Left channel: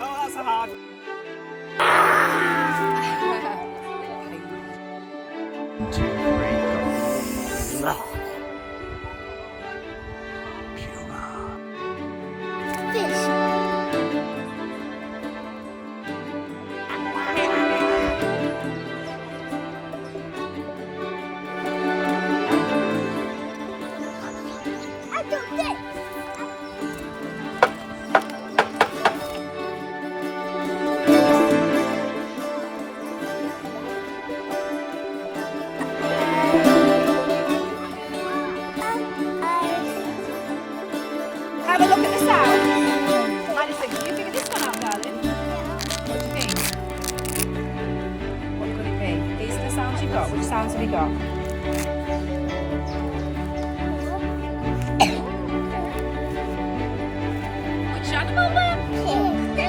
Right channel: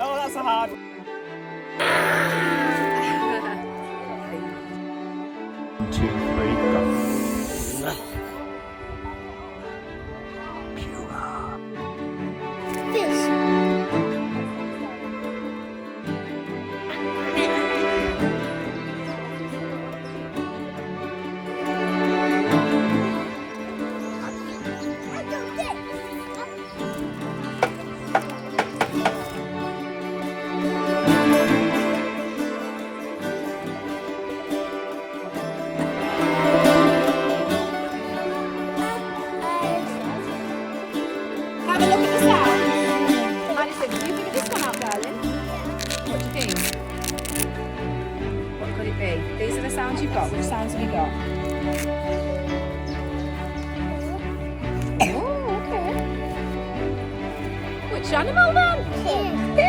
Oh, that's a hard. Have a look at the sound. Madison, can you figure this one out, darling? What do you think? What could it be? These are the sounds you've got. Which sounds have you got? Oh, okay. Which animal then? Pig.